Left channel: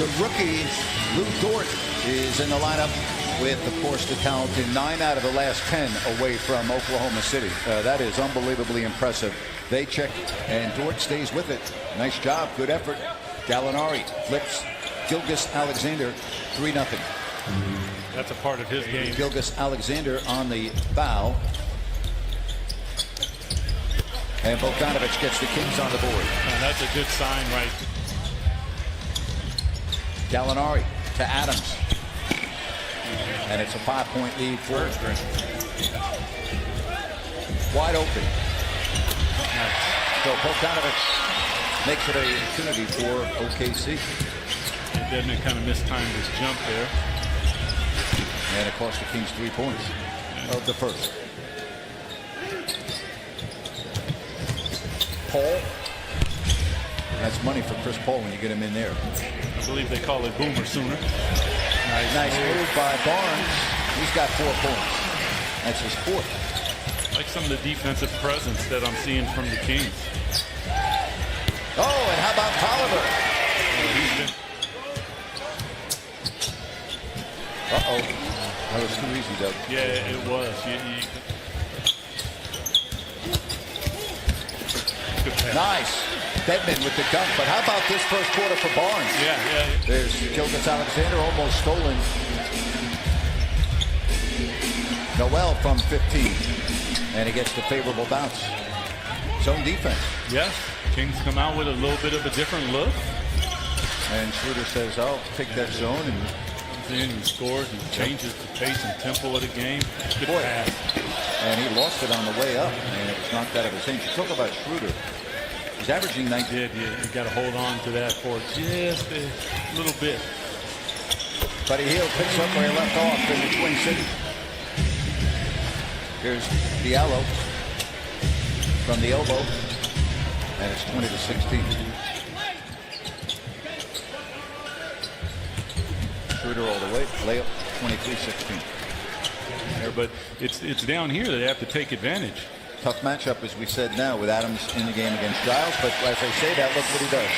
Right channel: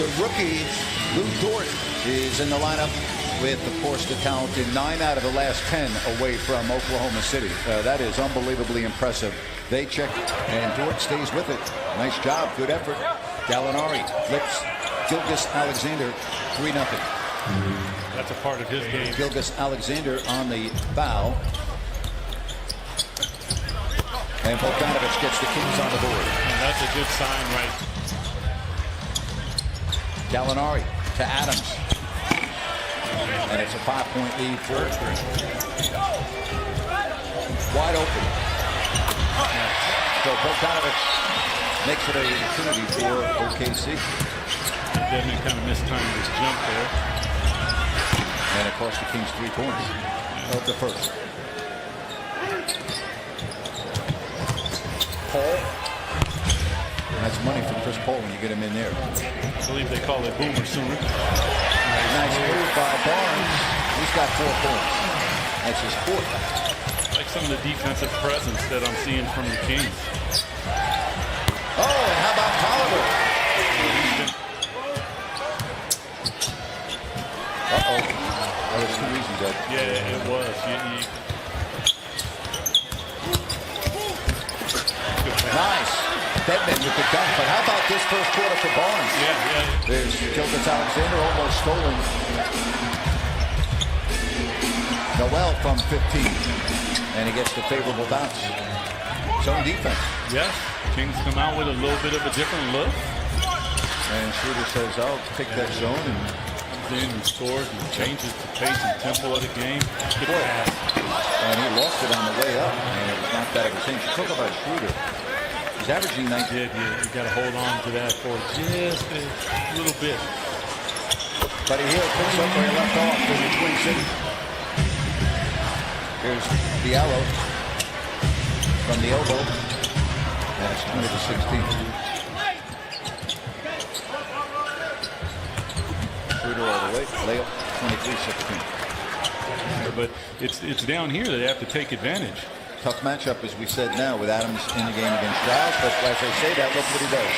The rookie, Lou Dort, is in the lineup with, of course, the talented 9 out of the last 10 away from Oklahoma City. That is unbelievably impressive. They check, and Dort stays with it. Nice job. Good effort. Gallinari flips Gilgeous-Alexander 3-0. That's a part of his game. Gilgeous-Alexander on the foul. And Bogdanovich gets the Kings on the board. And that's a good sign, right? Gallinari to Adams. And it's a 5-point lead for wide open. Nice. So Bogdanovich makes it an opportunity for OKC. Dedmon kind of mistimed his jump there. And it cost the Kings 3 points of the first. Paul. That's money for Chris Paul when you get him in there. I believe they call it Boomer Sooner. Nice move by Barnes. He's got 4 points. That's his 4th. Like some of the defensive presence that I'm seeing from the Kings. Oh, and how about Tolliver? He's been... Uh-oh. That was too easy, Doug. Yeah, it was. Good pass. Nice. Dedmon with the dunk, but how about this first quarter for Barnes? Yeah. There's Gilgeous-Alexander almost stolen. Noel from 15, and he gets the favorable bounce. Zone defense. Yes, Kings come out with a little bit of a different look. And Schroeder says, I'll take that zone, and comes in and scores and changes the pace and tempo of the game. Good pass. And he lost it on the way up, and it was knocked out of his hands. You talk about Schroeder. He's averaging 19. You got to hold on to that for just a little bit. Buddy Hield picks up where he left off in the Twin Cities. Here's Diallo from the elbow, and it's 20-16. Schroeder all the way, layup 23-16. But it's down here that they have to take advantage. Tough matchup, as we said now, with Adams in the game against Giles. But as they say that, look what he does.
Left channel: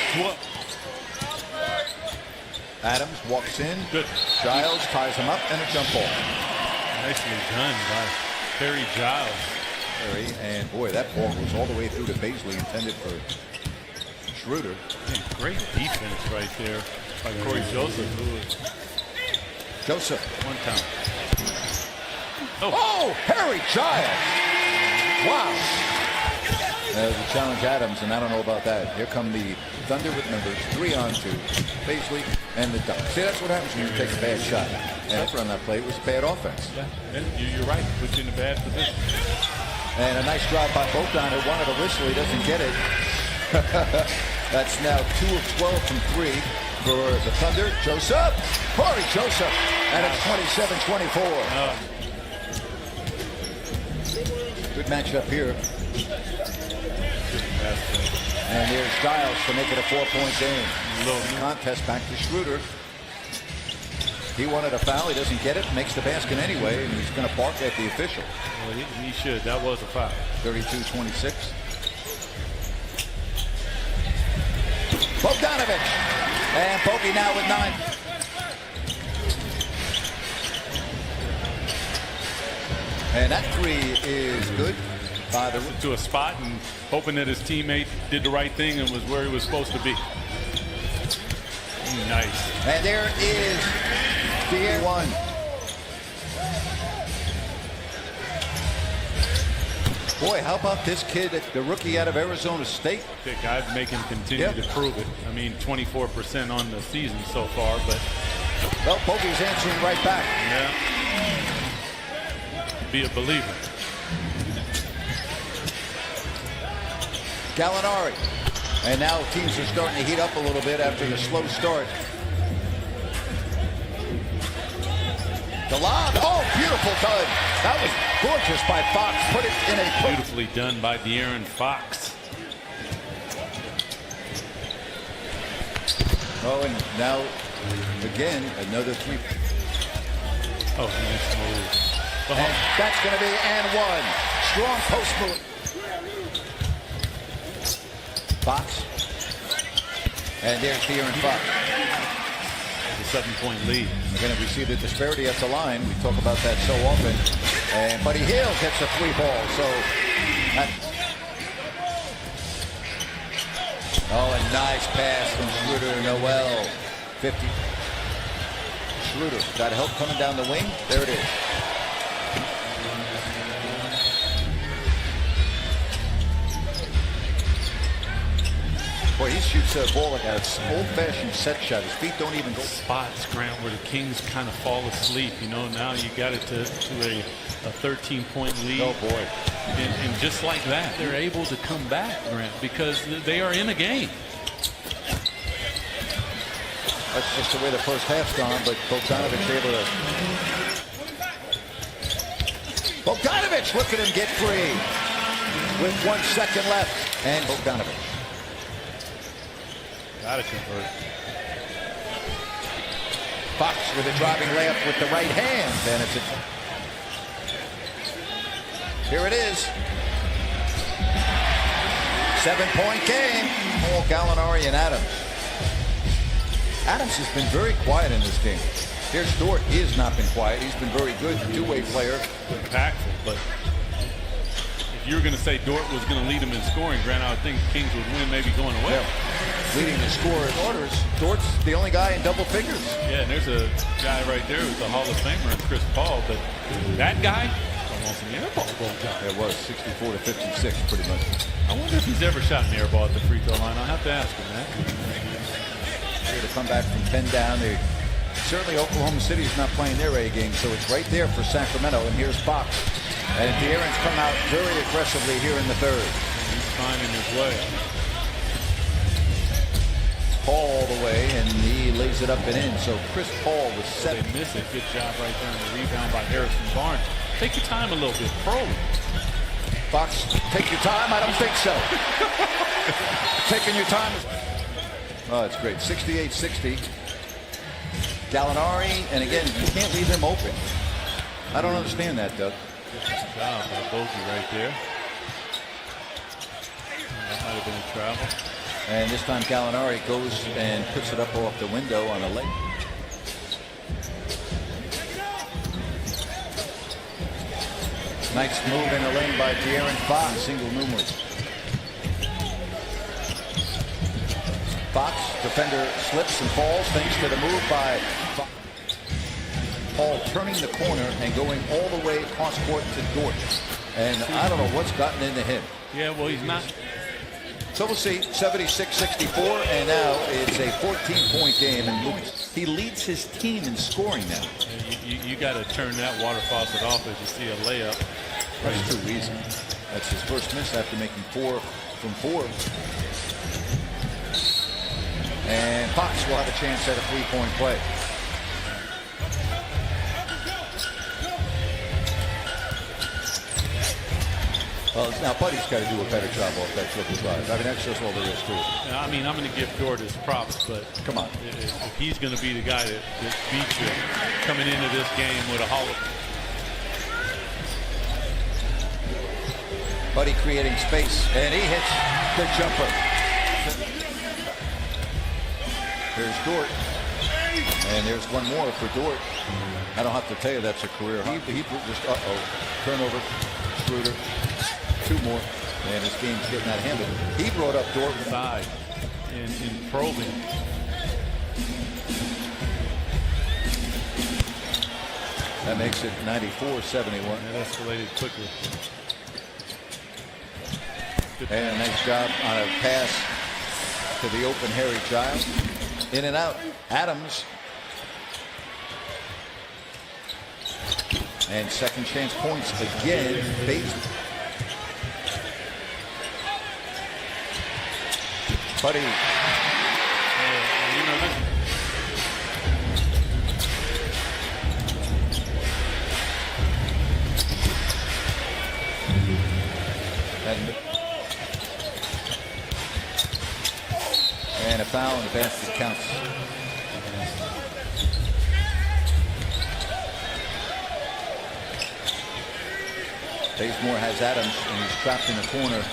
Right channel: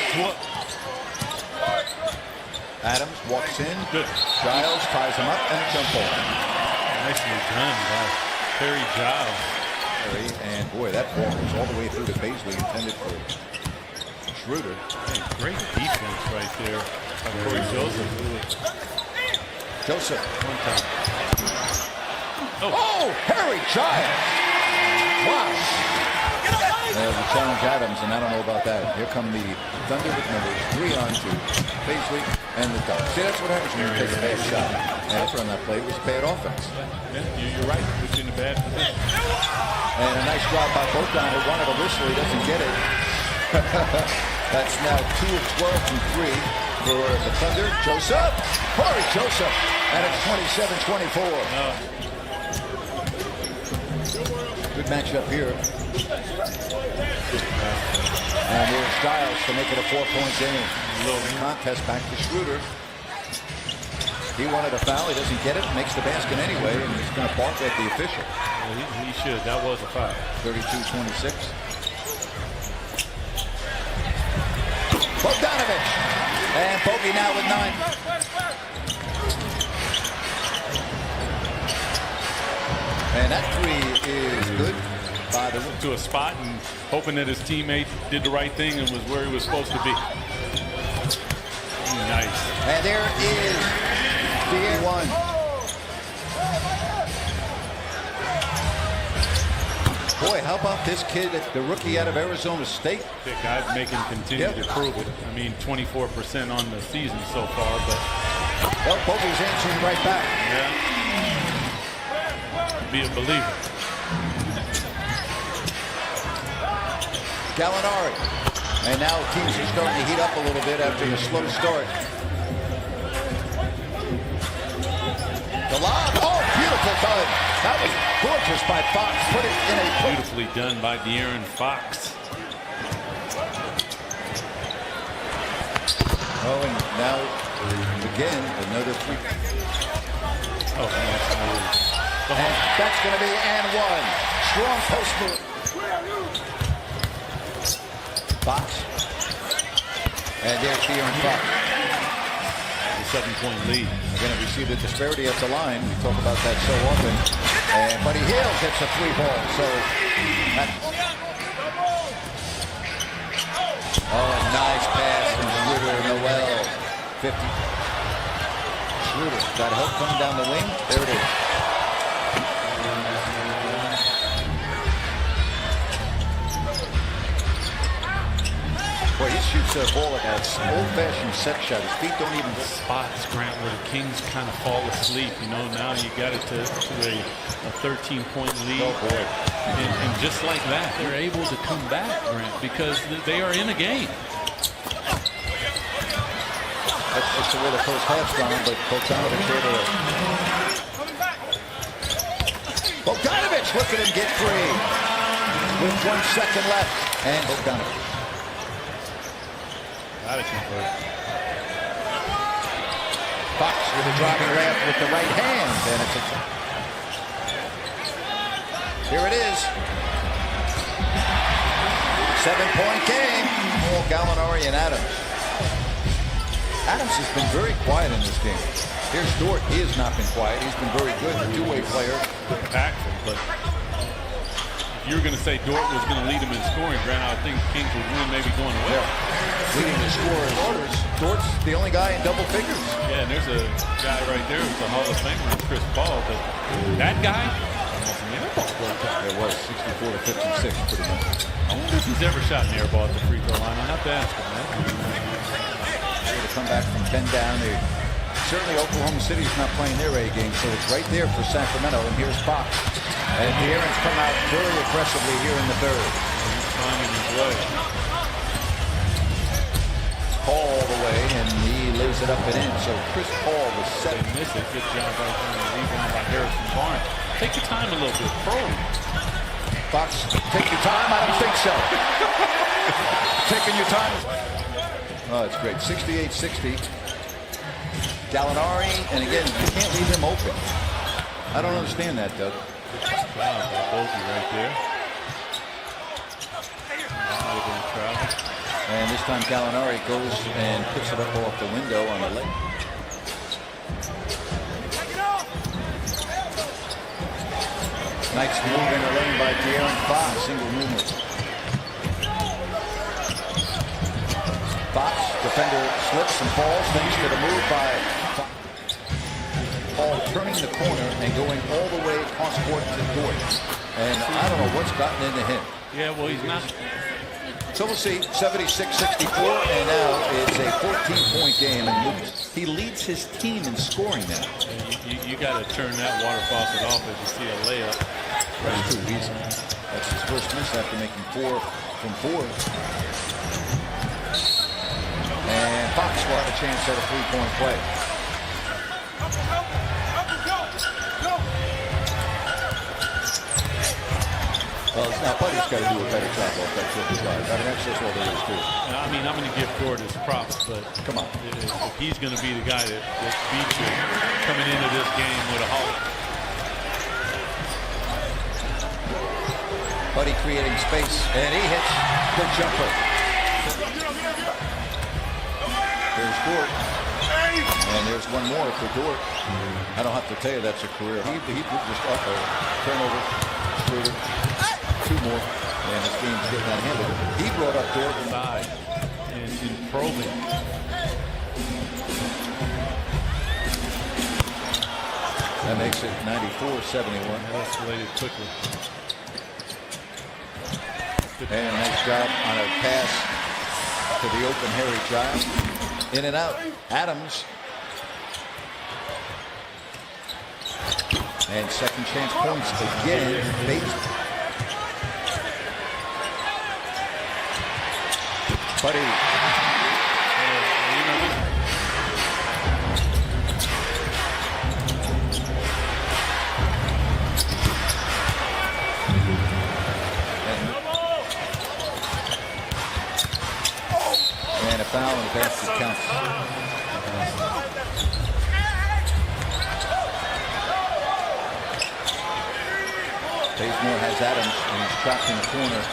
Adams walks in. Good. Giles ties him up, and a jump ball. Nicely done by Harry Giles. And boy, that ball goes all the way through to Baisley, intended for Schroeder. Man, great defense right there by Corey Joseph. Joseph. One time. Oh, Harry Giles. Wow. We challenge Adams, and I don't know about that. Here come the Thunder with numbers. 3-on-2. Baisley and the dunk. See, that's what happens when you take a bad shot. And after on that play, it was bad offense. Yeah, you're right. Puts you in a bad position. And a nice drive by Bogdan, who wanted a whistle. He doesn't get it. That's now 2 of 12 from 3 for the Thunder. Joseph. Corey Joseph. And it's 27-24. Good matchup here. And here's Giles to make it a 4-point game. Contest back to Schroeder. He wanted a foul. He doesn't get it. Makes the basket anyway, and he's going to bark at the official. Well, he should. That was a foul. 32-26. Bogdanovich. And Bogey now with 9. And that 3 is good. By the to a spot and hoping that his teammate did the right thing and was where he was supposed to be. Nice. And there is the 1. Boy, how about this kid, the rookie out of Arizona State? I'd make him continue to prove it. I mean, 24% on the season so far, but... Well, Bogey's answering right back. Yeah. Be a believer. Gallinari. And now teams are starting to heat up a little bit after the slow start. The lob. Oh, beautiful done. That was gorgeous by Fox. Put it in a... Beautifully done by De'Aaron Fox. Oh, and now, again, another 3. Oh, nice move. And that's going to be and 1. Strong post move. Fox. And there's De'Aaron Fox. the 7-point lead. Again, we see the disparity at the line. We talk about that so often. And Buddy Hield hits a 3-ball. So that. Oh, a nice pass from Schroeder. Noel. 50. Schroeder got help coming down the wing. There it is. Boy, he shoots a ball like an old-fashioned set shot. His feet don't even go. Spots, Grant, where the Kings kind of fall asleep. You know, now you got it to a 13-point lead. Oh, boy. And just like that, they're able to come back, Grant, because they are in a game. That's just the way the first half's gone, but Bogdanovich able to. Bogdanovich, look at him get free with 1 second left. And Bogdanovich. Got to convert. Fox with a driving layup with the right hand, and it's here it is. 7-point game. Oh, Gallinari and Adams. Adams has been very quiet in this game. Here's Dort. He has not been quiet. He's been very good. The two-way player. Impactful, but if you were going to say Dort was going to lead him in scoring, Grant, I would think Kings would win, maybe going away. Yeah. Leading the scorers orders. Dort's the only guy in double figures. Yeah, and there's a guy right there who's a Hall of Famer, Chris Paul, but that guy, almost an air ball broke down. It was 64 to 56, pretty much. I wonder if he's ever shot an air ball at the free throw line. I'll have to ask him, man. Here to come back from 10 down. Certainly Oklahoma City is not playing their A game, so it's right there for Sacramento. And here's Fox. And De'Aaron's come out very aggressively here in the third. Yeah, he's finding his way. Paul all the way, and he lays it up and in. So Chris Paul was set. They miss it. Good job right there on the rebound by Harrison Barnes. Take your time a little bit. Probe. Fox, take your time? I don't think so. Taking your time. Oh, it's great. 68-60. Gallinari, and again, you can't leave him open. I don't understand that, Doug. Good job by Bogey right there. That might have been a travel. And this time Gallinari goes and puts it up off the window on a leg. Nice move in the lane by De'Aaron Fox. Single numerous. Fox, defender slips and falls thanks to the move by Fox. Paul turning the corner and going all the way cross court to Dort. And I don't know what's gotten into him. Yeah, well, he's not. So we'll see, 76-64, and now it's a 14-point game, and he leads his team in scoring now. You got to turn that water faucet off as you see a layup. That's too easy. That's his first miss after making 4 from 4. And Fox will have a chance at a 3-point play. Well, now Buddy's got to do a better job off that triple drive. I mean, that's just all there is to it. I mean, I'm going to give Dort his props, but come on, if he's going to be the guy that beats you coming into this game with a Hall of Buddy creating space, and he hits the jumper. There's Dort, and there's one more for Dort. I don't have to tell you that's a career. He just turnover. Schroeder. 2 more, and his game's getting out of hand. But he brought up Dort side in probing. That makes it 94-71. That escalated quickly. And a nice job on a pass to the open Harry Giles. In and out. Adams. And second chance points again. Bates. Buddy. You know, this and a foul, and the basket counts. Bazemore has Adams, and he's trapped in the corner.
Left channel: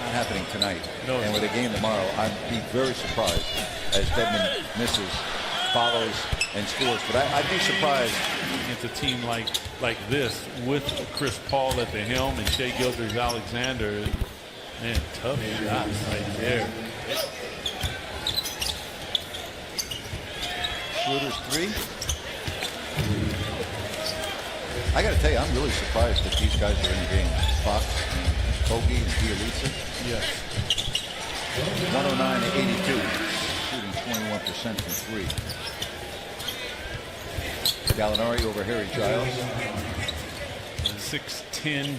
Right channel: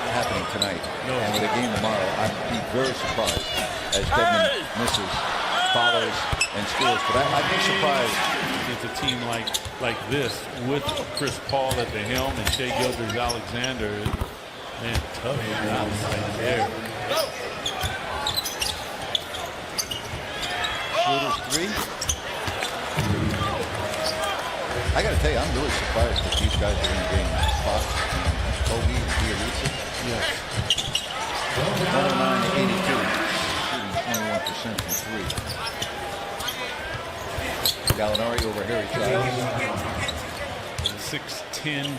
Not happening tonight. No. And with a game tomorrow, I'd be very surprised as Dedmon misses, follows, and scores. But I'd be surprised against a team like this with Chris Paul at the helm and Shai Gilgeous-Alexander. Man, tough shots right there. Schroeder's three. I got to tell you, I'm really surprised that these guys are in the game. Fox and Kogi and Bielitsa. Yes. 109 to 82, shooting 21% from three. Gallinari over Harry Giles. 6'10",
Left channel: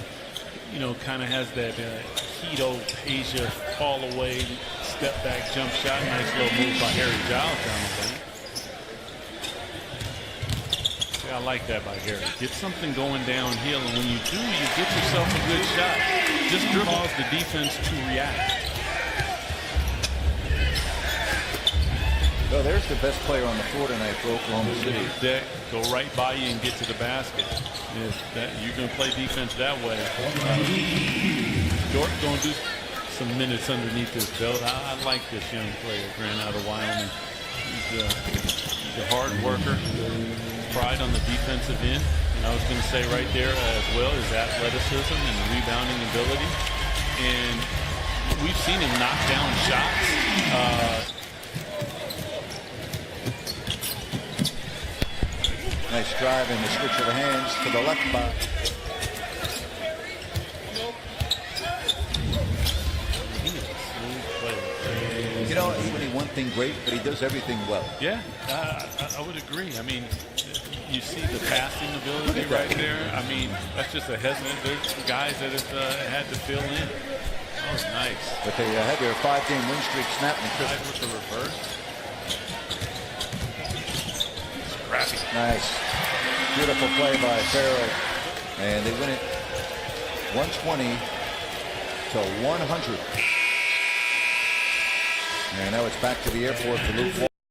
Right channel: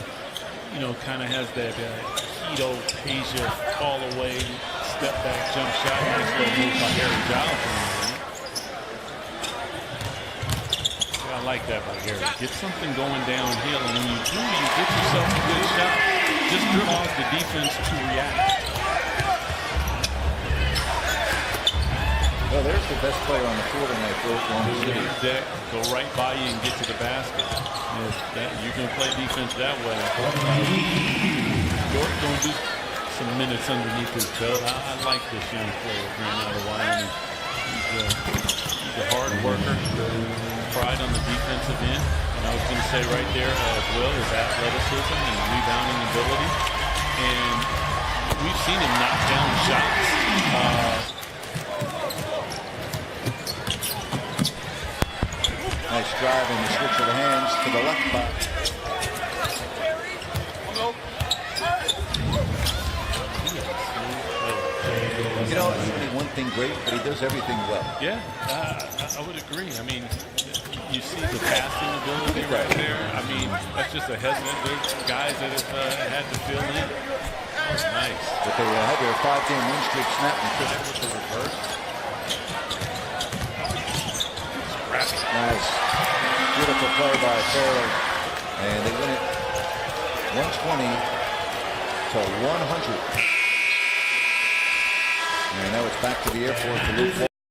you know, kind of has that Hito Peja fall away, step back, jump shot. Nice little move by Harry Giles down the lane. Yeah, I like that by Harry. Get something going downhill, and when you do, you get yourself a good shot. Just cause the defense to react. Well, there's the best player on the floor tonight for Oklahoma City. Deck, go right by you and get to the basket. If that, you're going to play defense that way. Dort going to do some minutes underneath his belt. I like this young player, Grant, out of Wyoming. He's a hard worker. Pride on the defensive end. And I was going to say right there as well is athleticism and rebounding ability. And we've seen him knock down shots. Nice drive and the switch of the hands to the left by. He is a smooth player. You know, even he one thing great, but he does everything well. Yeah, I would agree. I mean, you see the passing ability right there. I mean, that's just a hesitant. There's guys that have had to fill in. That was nice. But they had their 5-game win streak snapped and Chris With the reverse. Nice. Beautiful play by Farrell. And they win it 120 to 100. And now it's back to the airport for Luke.